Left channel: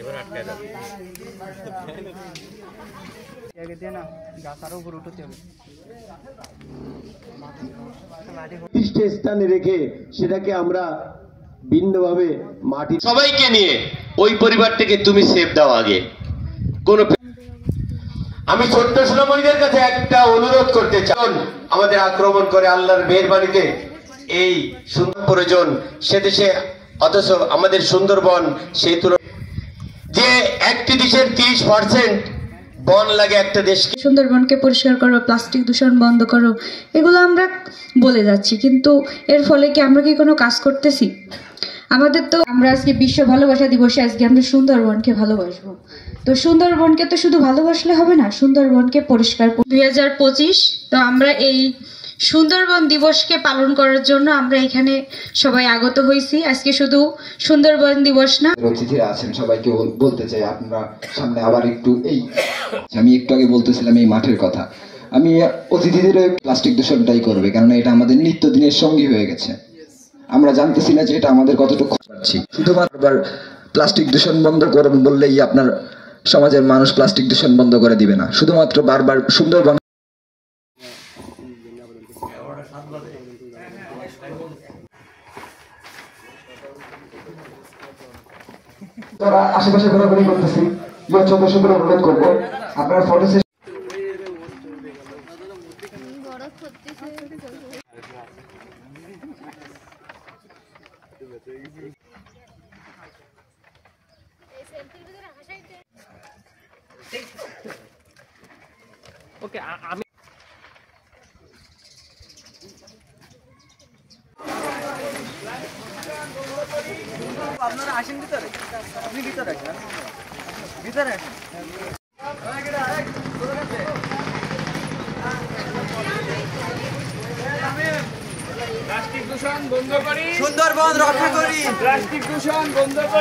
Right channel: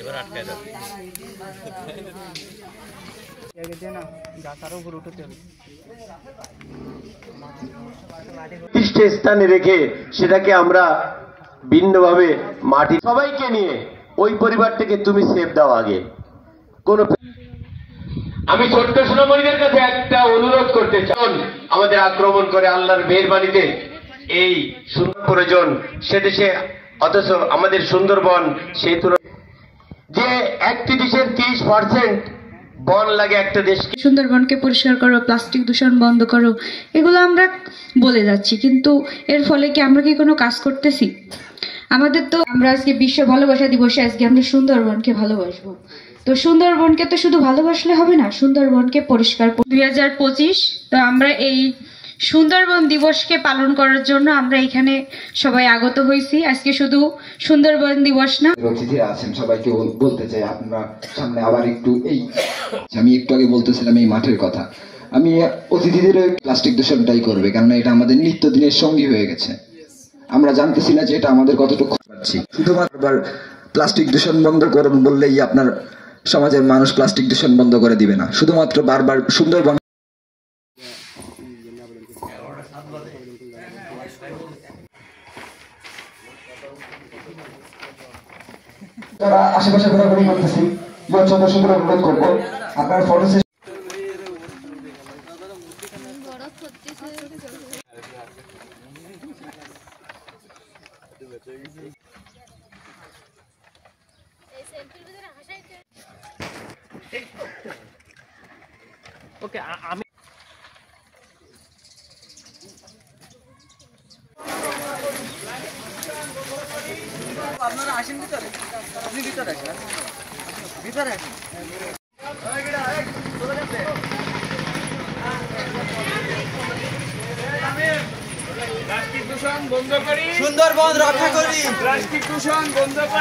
এবার আটকায় যাবে স্থানে রেখে সেটাকে আমরা ভিন্নভাবে মাটি সবাইকে নিয়ে ওই পরিবারটাকে তুমি সেভ দাও আগে। কোন আমি ছোট্ট সোনামণিদের কাছে একটা অনুরোধ করতে চাই, আমাদের আক্রমণ করে আল্লাহর মেহেরবানিতে এই সুন্দর প্রয়োজন সে দেশে, অথচ আমাদের সুন্দরবন সেই যে একটি দেশের 30% বন লাগে একটা দেশকে। সুন্দরবনকে পরিষ্কার করো, প্লাস্টিক দূষণ বন্ধ করো, এগুলো আমরা বলে যাচ্ছি, কিন্তু এর ফলে কি আমরা কি কোনো কাজ করতেছি? আমাদের তো আমরা আজকে বিশ্ব ভালোবাসা দিবসে আজকে আমরা সুন্দরবনকে ভালোবাসবো। তো সুন্দরবনকে তো শুধু ভালোবাসলে হবে না, সুন্দরবনকে পরিষ্কার 2025। তো আমরা এই সুন্দরবন দিবসকে পালন করার জন্য আমরা এখানে সবাই আগত হয়েছি। আজকে শুধু সুন্দরবন দিবস না, অতিথিরা আছেন সবাইকে বলতে চাই আপনারা সামনে আবার একটু আমি একটু আগে বলতেছিলাম এই মাঠের কথা, আমি অতিথিদের প্লাস্টিক দূষণটাই করবে, কারণ এটা আমাদের নিত্যদিনের সঙ্গী হয়ে গেছে। আমরা জানতেছি না যে এটা আমাদের কতটুকু পাচ্ছি। শুধুমাত্র প্লাস্টিক দূষণ বন্ধ করুন বললেই আপনার সমাজের মানুষ প্লাস্টিক দূষণ বন্ধ করে দিবে না। শুধুমাত্র বারবার সুন্দরবন আশেপাশে ঘোরাঘুরি করতেছি, দর্শকদের অনুরোধ করবো আপনার ফটো ওকে আমি আপনারা আসেন ভিতরে, আপনি ভিতরে আসেন, ভিতরে আসেন। প্লাস্টিক দূষণ বন্ধ করি, সুন্দরবন রক্ষা করি, প্লাস্টিক দূষণ বন্ধ করি।